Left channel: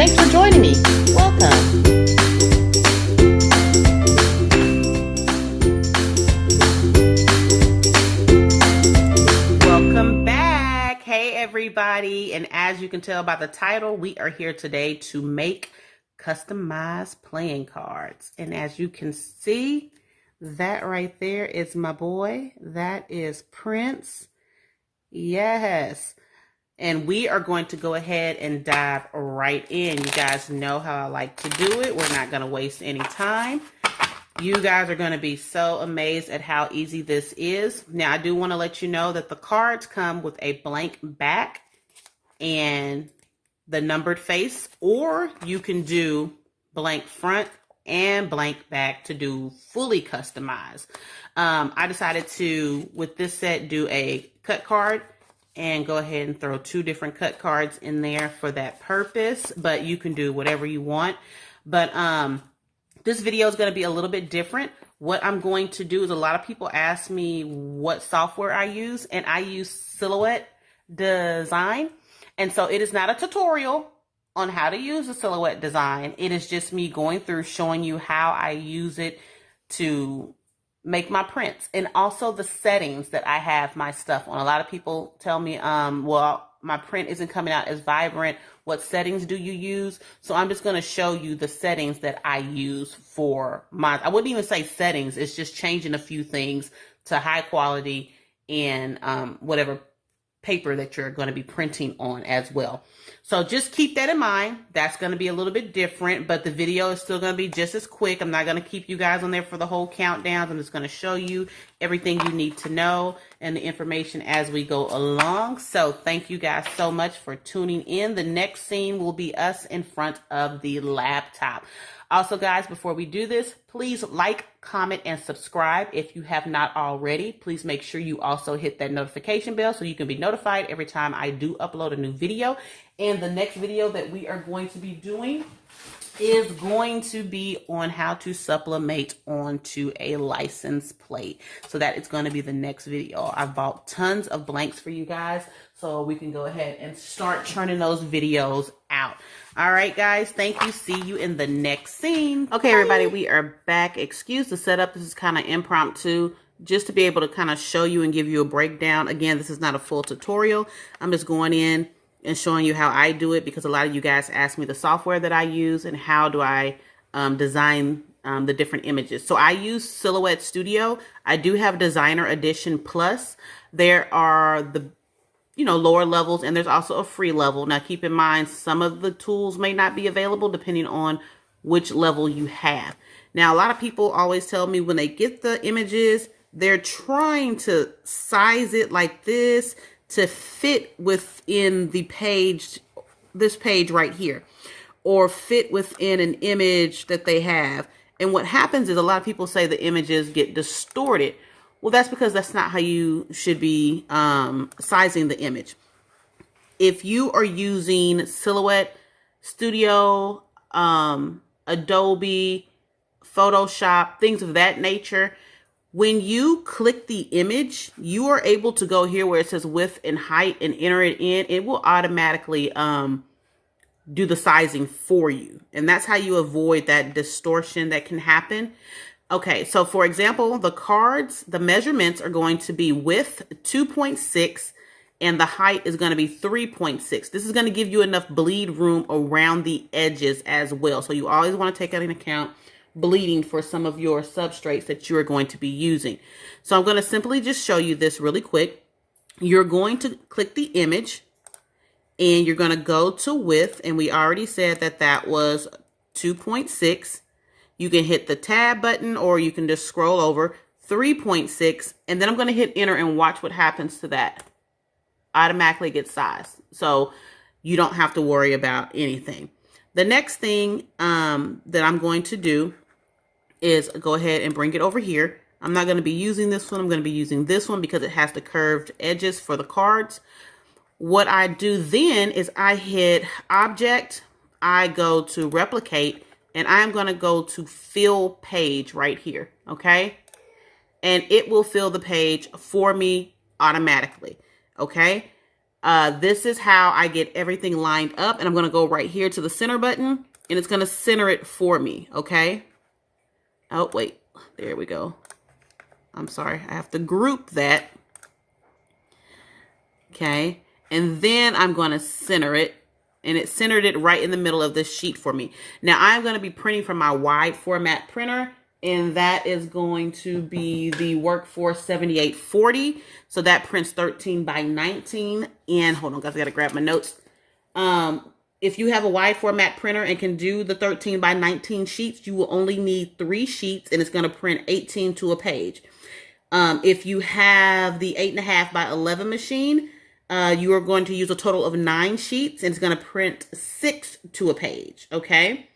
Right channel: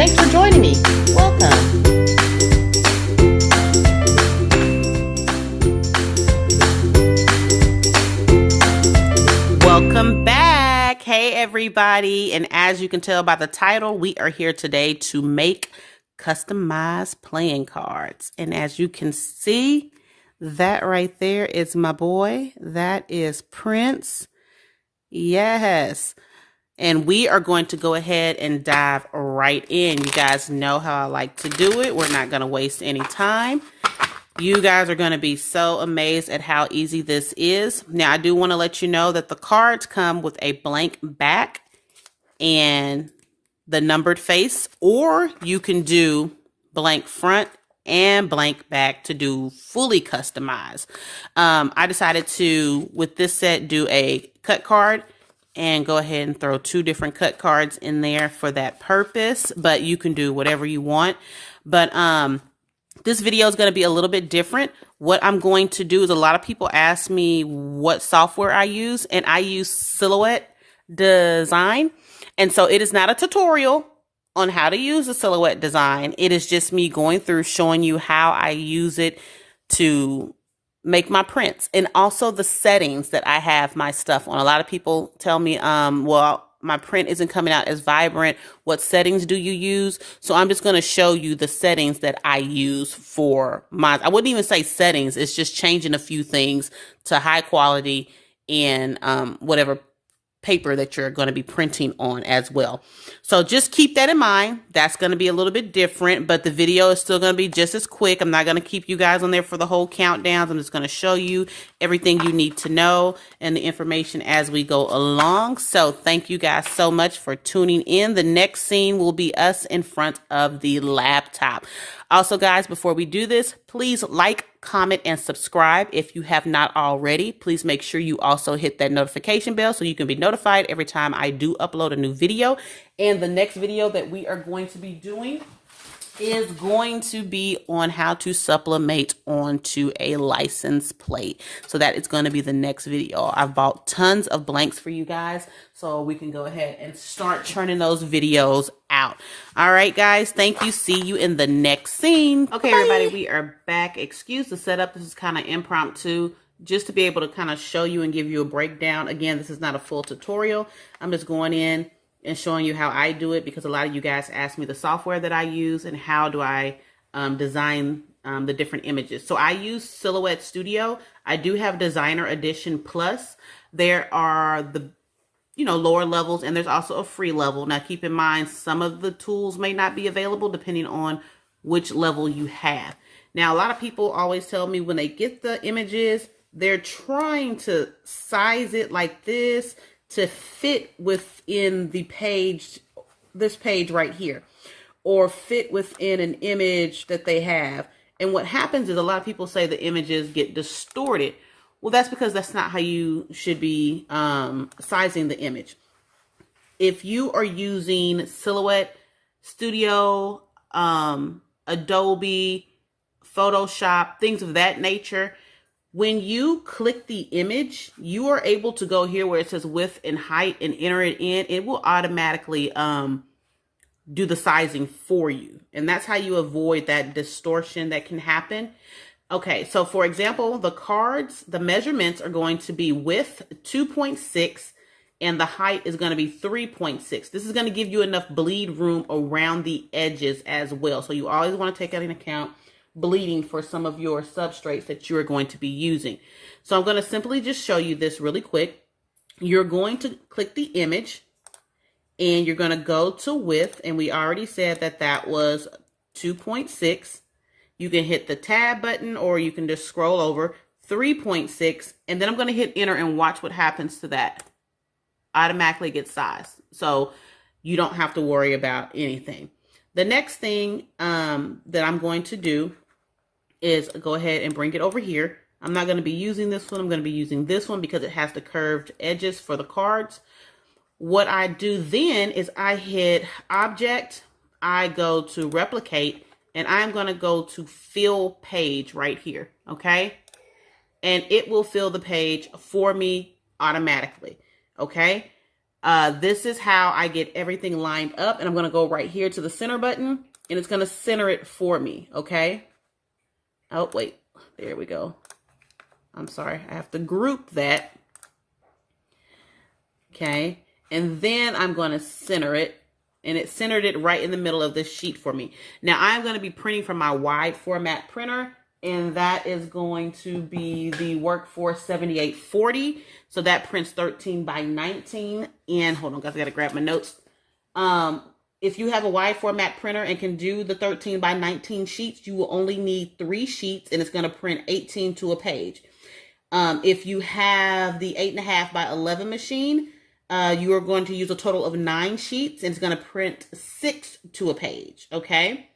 Thanks for joining me. Welcome. Welcome back. Hey, everybody. And as you can tell by the title, we are here today to make customized playing cards. And as you can see, that right there is my boy. That is Prince. Yes. And we are going to go ahead and dive right in. You guys know how I like to do it. We're not going to waste any time. You guys are going to be so amazed at how easy this is. Now, I do want to let you know that the cards come with a blank back and the numbered face, or you can do blank front and blank back to do fully customized. I decided to, with this set, do a cut card and go ahead and throw 2 different cut cards in there for that purpose, but you can do whatever you want. But this video is going to be a little bit different. What I'm going to do is, a lot of people ask me what software I use, and I use Silhouette Design. And so it is not a tutorial on how to use a Silhouette Design. It is just me going through showing you how I use it to make my prints, and also the settings that I have my stuff on. A lot of people tell me, well, my print isn't coming out as vibrant. What settings do you use? So I'm just going to show you the settings that I use for my, I wouldn't even say settings. It's just changing a few things to high quality and whatever paper that you're going to be printing on as well. So just keep that in mind. That's going to be a little bit different, but the video is still going to be just as quick. I'm not going to keep you guys on there for the whole countdowns. I'm just going to show you everything you need to know and the information as we go along. So thank you guys so much for tuning in. The next scene will be us in front of the laptop. Also, guys, before we do this, please like, comment, and subscribe if you have not already. Please make sure you also hit that notification bell so you can be notified every time I do upload a new video. And the next video that we are going to be doing is going to be on how to sublimate onto a license plate. So that is going to be the next video. I've bought tons of blanks for you guys, so we can go ahead and start churning those videos out. All right, guys, thank you. See you in the next scene. Okay, everybody, we are back. Excuse the setup. This is kind of impromptu, just to be able to kind of show you and give you a breakdown. Again, this is not a full tutorial. I'm just going in and showing you how I do it, because a lot of you guys ask me the software that I use and how do I design the different images. So I use Silhouette Studio. I do have Designer Edition Plus. There are the lower levels, and there's also a free level. Now keep in mind, some of the tools may not be available depending on which level you have. Now, a lot of people always tell me when they get the images, they're trying to size it like this to fit within the page, this page right here, or fit within an image that they have. And what happens is, a lot of people say the images get distorted. Well, that's because that's not how you should be sizing the image. If you are using Silhouette Studio, Adobe, Photoshop, things of that nature, when you click the image, you are able to go here where it says width and height and enter it in. It will automatically do the sizing for you. And that's how you avoid that distortion that can happen. Okay, so for example, the cards, the measurements are going to be width 2.6 and the height is going to be 3.6. This is going to give you enough bleed room around the edges as well. So you always want to take that into account, bleeding for some of your substrates that you are going to be using. So I'm going to simply just show you this really quick. You're going to click the image and you're going to go to width, and we already said that that was 2.6. You can hit the tab button or you can just scroll over 3.6, and then I'm going to hit enter and watch what happens to that. Automatically gets sized, so you don't have to worry about anything. The next thing that I'm going to do is go ahead and bring it over here. I'm not going to be using this one. I'm going to be using this one because it has the curved edges for the cards. What I do then is I hit object, I go to replicate, and I'm going to go to fill page right here. Okay. And it will fill the page for me automatically. Okay. This is how I get everything lined up. And I'm going to go right here to the center button, and it's going to center it for me. Okay. Oh, wait. There we go. I'm sorry. I have to group that. Okay. And then I'm going to center it. And it centered it right in the middle of this sheet for me. Now, I'm going to be printing from my wide format printer. And that is going to be the Workforce 7840. So that prints 13 by 19. And hold on, guys, I got to grab my notes. If you have a wide format printer and can do the 13 by 19 sheets, you will only need 3 sheets, and it's going to print 18 to a page. If you have the 8.5 by 11 machine, you are going to use a total of 9 sheets, and it's going to print 6 to a page. Okay.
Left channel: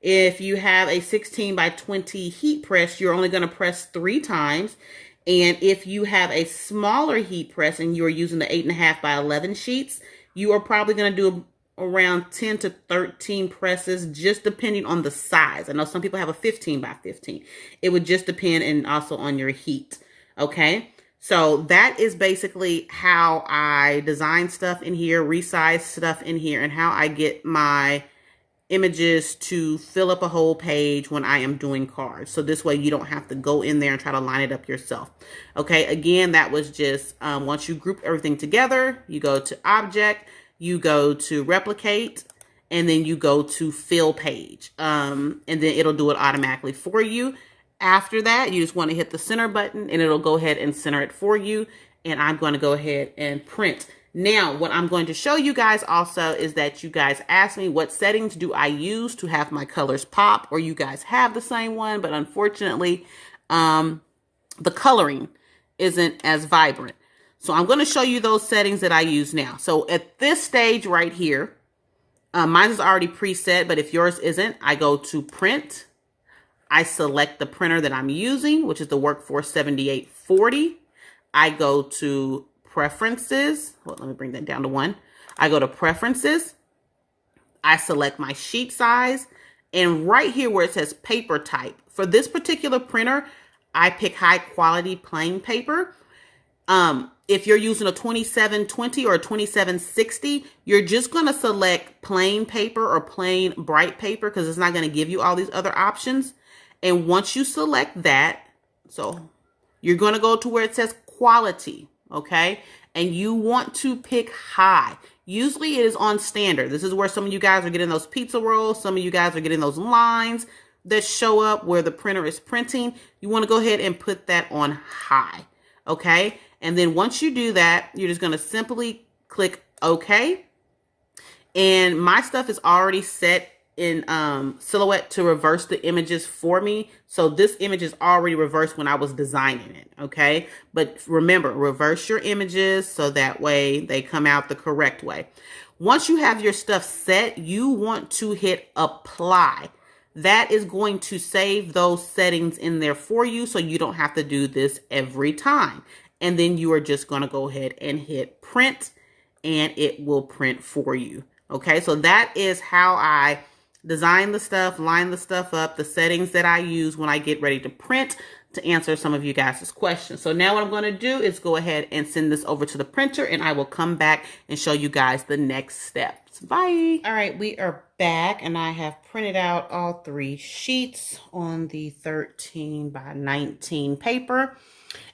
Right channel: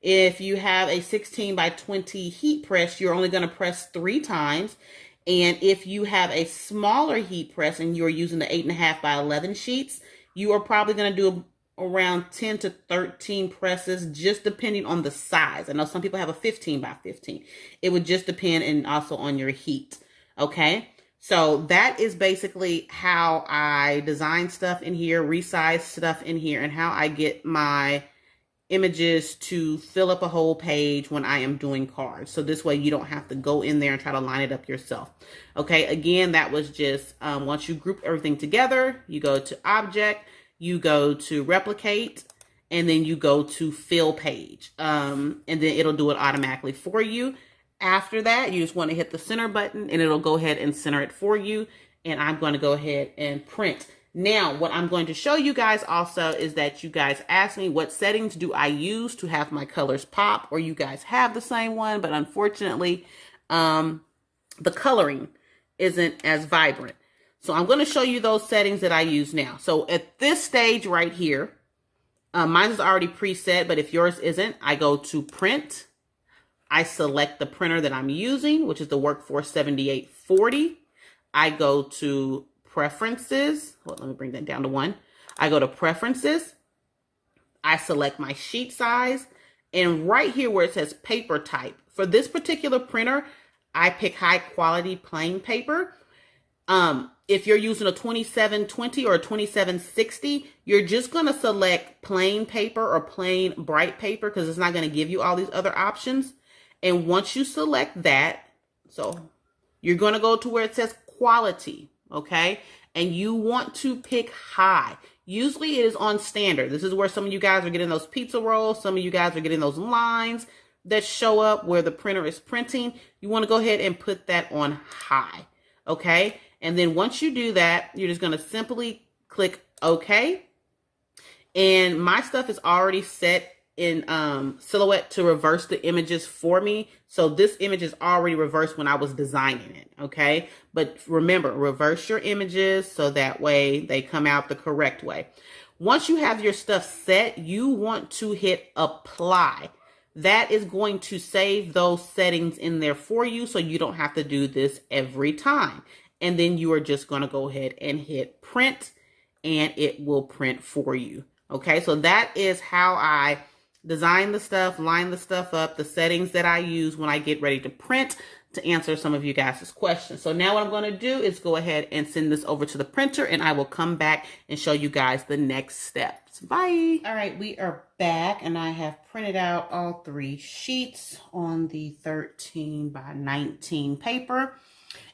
If you have a 16 by 20 heat press, you're only going to press 3 times. And if you have a smaller heat press and you're using the 8.5 by 11 sheets, you are probably going to do around 10 to 13 presses, just depending on the size. I know some people have a 15 by 15. It would just depend, and also on your heat. Okay. So that is basically how I design stuff in here, resize stuff in here, and how I get my images to fill up a whole page when I am doing cards. So this way you don't have to go in there and try to line it up yourself. Okay, again, that was just once you group everything together, you go to Object, you go to Replicate, and then you go to Fill Page. And then it'll do it automatically for you. After that, you just want to hit the center button and it'll go ahead and center it for you. And I'm going to go ahead and print. Now, what I'm going to show you guys also is that you guys asked me what settings do I use to have my colors pop, or you guys have the same one, but unfortunately, the coloring isn't as vibrant. So I'm going to show you those settings that I use now. So at this stage right here, mine is already preset, but if yours isn't, I go to Print. I select the printer that I'm using, which is the Workforce 7840. I go to Preferences. Well, let me bring that down to 1. I go to Preferences. I select my sheet size. And right here where it says paper type, for this particular printer, I pick high quality plain paper. If you're using a 2720 or a 2760, you're just going to select plain paper or plain bright paper because it's not going to give you all these other options. And once you select that, so you're going to go to where it says quality. Okay. And you want to pick high. Usually it is on standard. This is where some of you guys are getting those pizza rolls. Some of you guys are getting those lines that show up where the printer is printing. You want to go ahead and put that on high. Okay. And then once you do that, you're just going to simply click OK. And my stuff is already set in Silhouette to reverse the images for me. So this image is already reversed when I was designing it, okay? But remember, reverse your images so that way they come out the correct way. Once you have your stuff set, you want to hit Apply. That is going to save those settings in there for you so you don't have to do this every time. And then you are just going to go ahead and hit Print, and it will print for you, okay? So that is how I design the stuff, line the stuff up, the settings that I use when I get ready to print, to answer some of you guys' questions. So now what I'm going to do is go ahead and send this over to the printer, and I will come back and show you guys the next steps. Bye. All right, we are back, and I have printed out all 3 sheets on the 13 by 19 paper.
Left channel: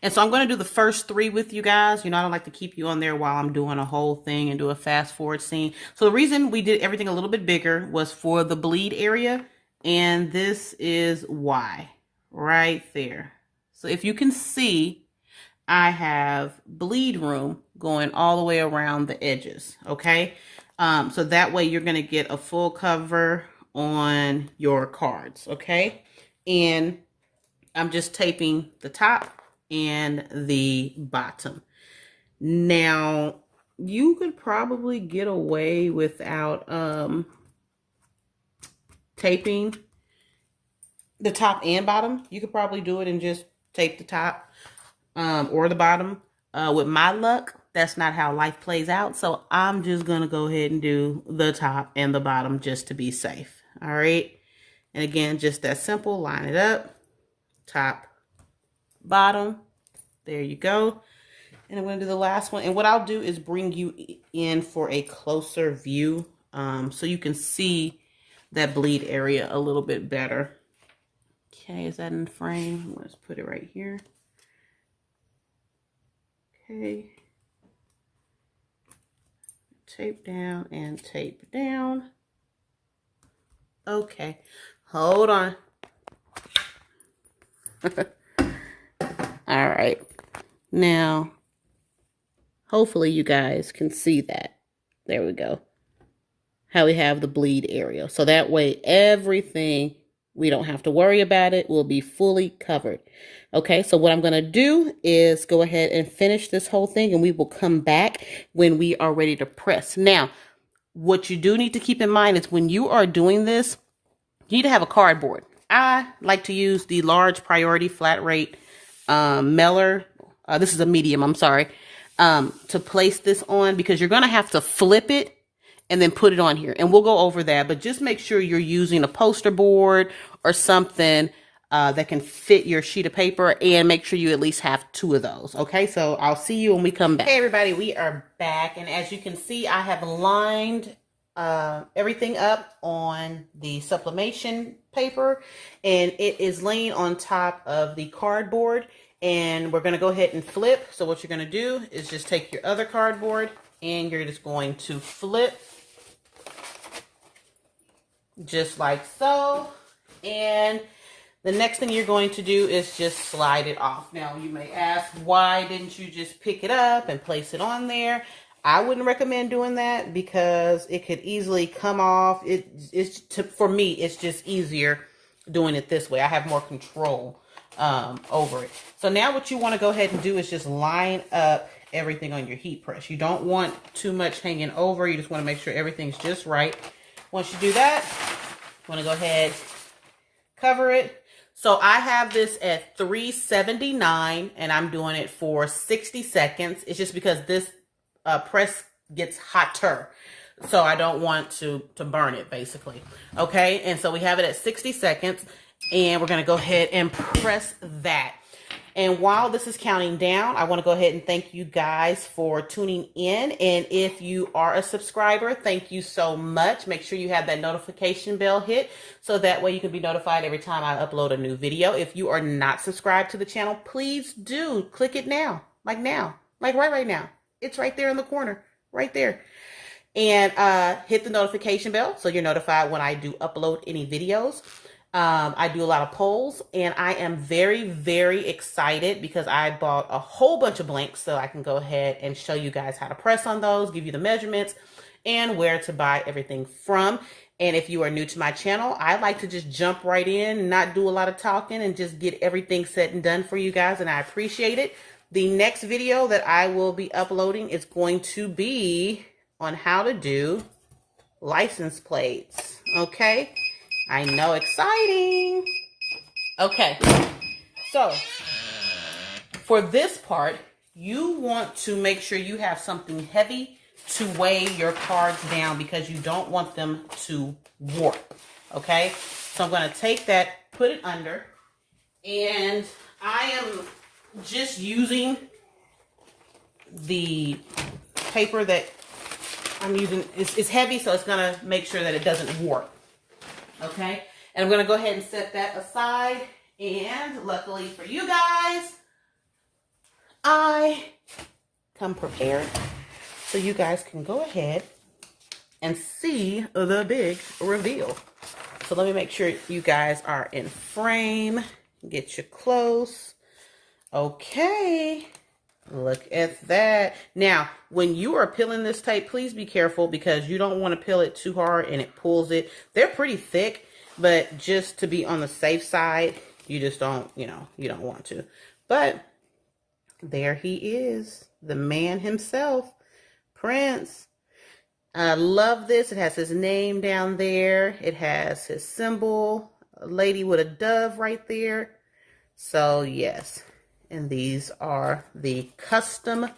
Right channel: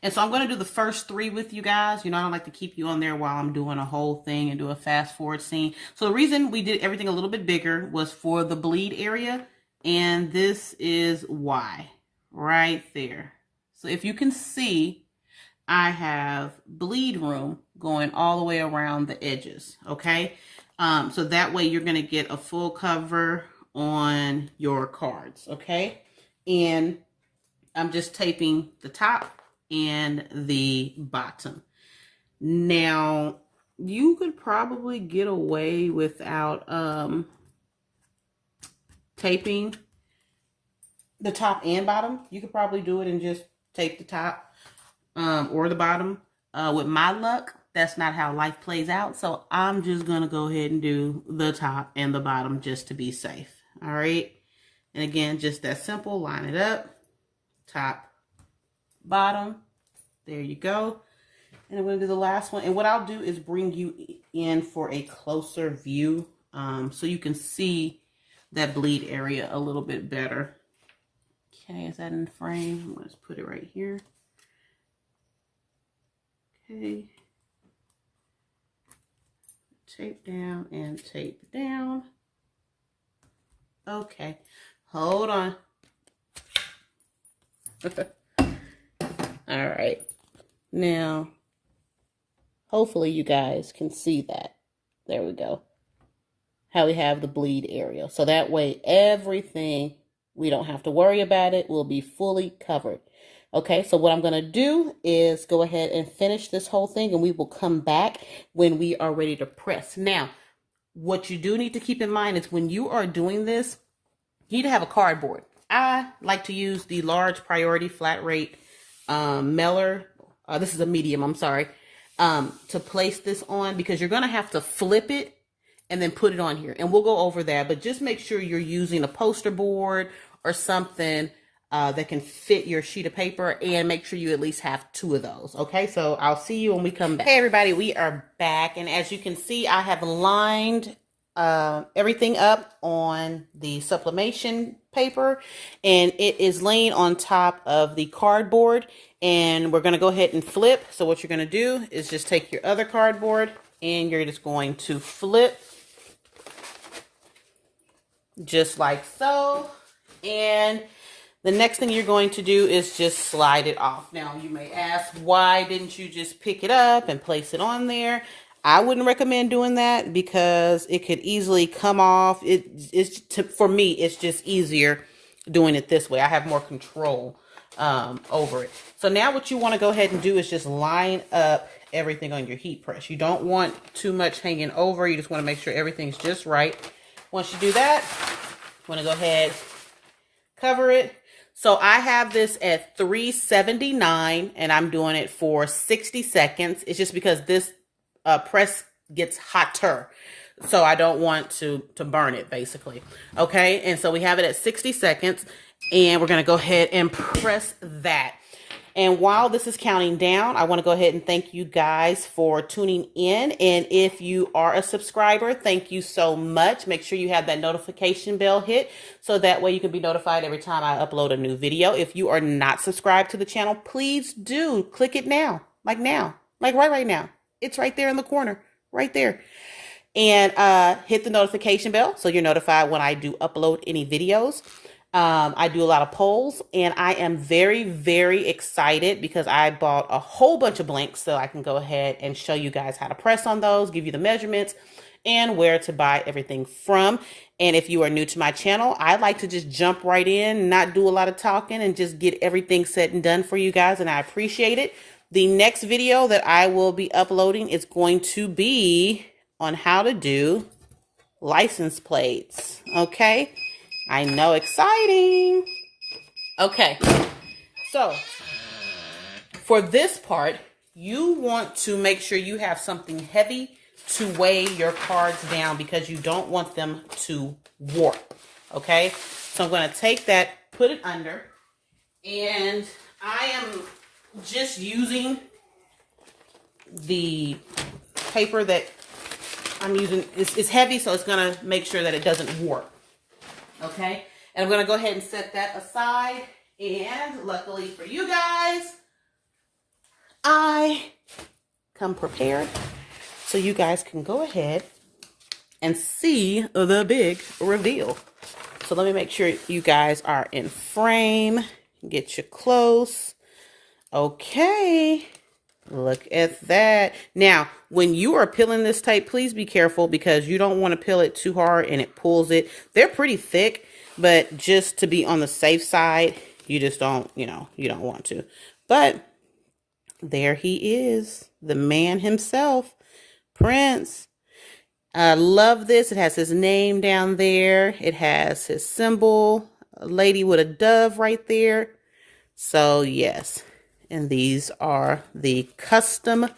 And so I'm going to do the first 3 with you guys. You know, I don't like to keep you on there while I'm doing a whole thing and do a fast forward scene. So the reason we did everything a little bit bigger was for the bleed area. And this is why, right there. So if you can see, I have bleed room going all the way around the edges. Okay. So that way you're going to get a full cover on your cards. Okay. And I'm just taping the top and the bottom. Now, you could probably get away without taping the top and bottom. You could probably do it and just tape the top or the bottom. With my luck, that's not how life plays out. So I'm just going to go ahead and do the top and the bottom just to be safe. All right. And again, just that simple. Line it up. Top, bottom. There you go. And I'm going to do the last one. And what I'll do is bring you in for a closer view so you can see that bleed area a little bit better. Okay, is that in frame? I'm going to put it right here. Okay. Tape down and tape down. Okay, hold on. All right. Now, hopefully you guys can see that. There we go. How we have the bleed area. So that way everything, we don't have to worry about it, will be fully covered. Okay, so what I'm going to do is go ahead and finish this whole thing, and we will come back when we are ready to press. Now, what you do need to keep in mind is when you are doing this, you need to have a cardboard. I like to use the large priority flat rate mailer. This is a medium, I'm sorry, to place this on, because you're going to have to flip it and then put it on here. And we'll go over that, but just make sure you're using a poster board or something that can fit your sheet of paper, and make sure you at least have 2 of those. Okay, so I'll see you when we come back. Hey everybody, we are back, and as you can see, I have lined everything up on the sublimation paper, and it is laying on top of the cardboard, and we're going to go ahead and flip. So what you're going to do is just take your other cardboard and you're just going to flip just like so, and the next thing you're going to do is just slide it off. Now you may ask, why didn't you just pick it up and place it on there? I wouldn't recommend doing that because it could easily come off. For me, it's just easier doing it this way. I have more control over it. So now what you want to go ahead and do is just line up everything on your heat press. You don't want too much hanging over. You just want to make sure everything's just right. Once you do that, you want to go ahead, cover it. So I have this at 379 and I'm doing it for 60 seconds. It's just because this press gets hotter. So I don't want to burn it, basically. Okay, and so we have it at 60 seconds and we're going to go ahead and press that. And while this is counting down, I want to go ahead and thank you guys for tuning in. And if you are a subscriber, thank you so much. Make sure you have that notification bell hit so that way you can be notified every time I upload a new video. If you are not subscribed to the channel, please do click it now, like right now. It's right there in the corner, right there. And hit the notification bell so you're notified when I do upload any videos. I do a lot of polls, and I am very, very excited because I bought a whole bunch of blanks so I can go ahead and show you guys how to press on those, give you the measurements, and where to buy everything from. And if you are new to my channel, I like to just jump right in, not do a lot of talking, and just get everything set and done for you guys, and I appreciate it. The next video that I will be uploading is going to be on how to do license plates, okay? I know, exciting. Okay, so for this part, you want to make sure you have something heavy to weigh your cards down because you don't want them to warp, okay? So I'm going to take that, put it under, and I am just using the paper that I'm using. It's heavy, so it's going to make sure that it doesn't warp. Okay, and I'm going to go ahead and set that aside, and luckily for you guys, I come prepared so you guys can go ahead and see the big reveal. So let me make sure you guys are in frame, get you close. Okay, look at that. Now, when you are peeling this tape, please be careful because you don't want to peel it too hard and it pulls it. They're pretty thick, but just to be on the safe side, you just don't, you don't want to. But there he is, the man himself, Prince. I love this. It has his name down there. It has his symbol, a lady with a dove right there. So yes. And these are the custom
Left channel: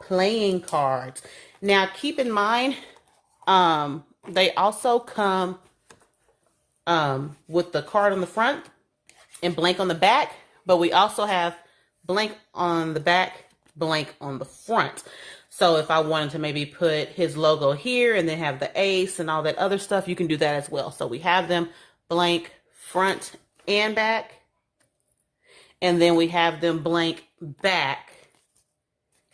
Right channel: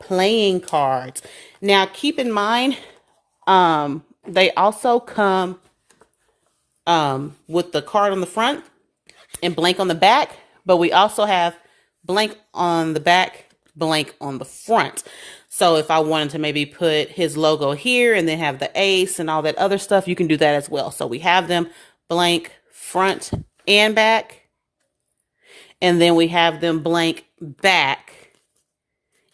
playing cards. Now, keep in mind, they also come with the card on the front and blank on the back. But we also have blank on the back blank on the front. So if I wanted to maybe put his logo here and then have the ace and all that other stuff, you can do that as well. So we have them blank front and back. And then we have them blank back.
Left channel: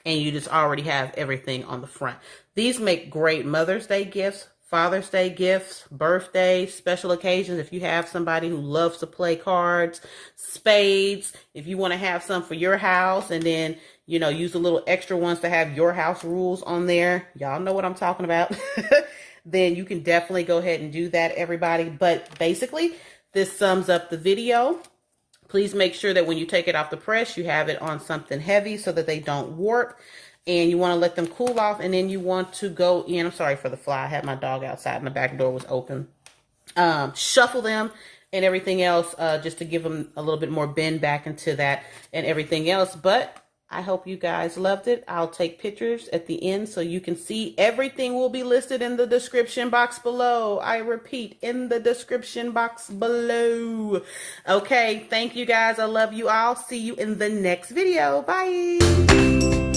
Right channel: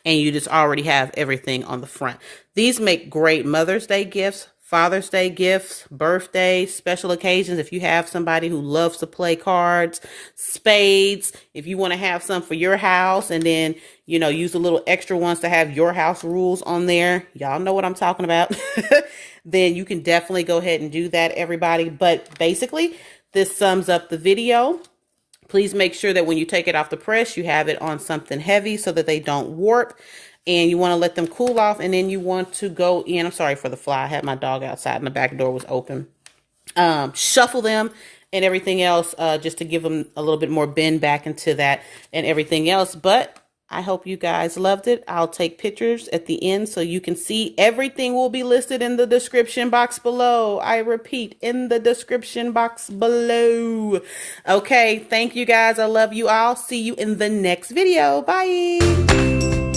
And you just already have everything on the front. These make great Mother's Day gifts, Father's Day gifts, birthdays, special occasions. If you have somebody who loves to play cards, spades, if you want to have some for your house and then, you know, use the little extra ones to have your house rules on there. Y'all know what I'm talking about. Then you can definitely go ahead and do that, everybody. But basically, this sums up the video. Please make sure that when you take it off the press, you have it on something heavy so that they don't warp. And you want to let them cool off. And then you want to go in. I'm sorry for the fly. I had my dog outside and the back door was open. Shuffle them and everything else just to give them a little bit more bend back into that and everything else. But I hope you guys loved it. I'll take pictures at the end so you can see. Everything will be listed in the description box below. I repeat, in the description box below. Okay, thank you guys. I love you all. See you in the next video. Bye.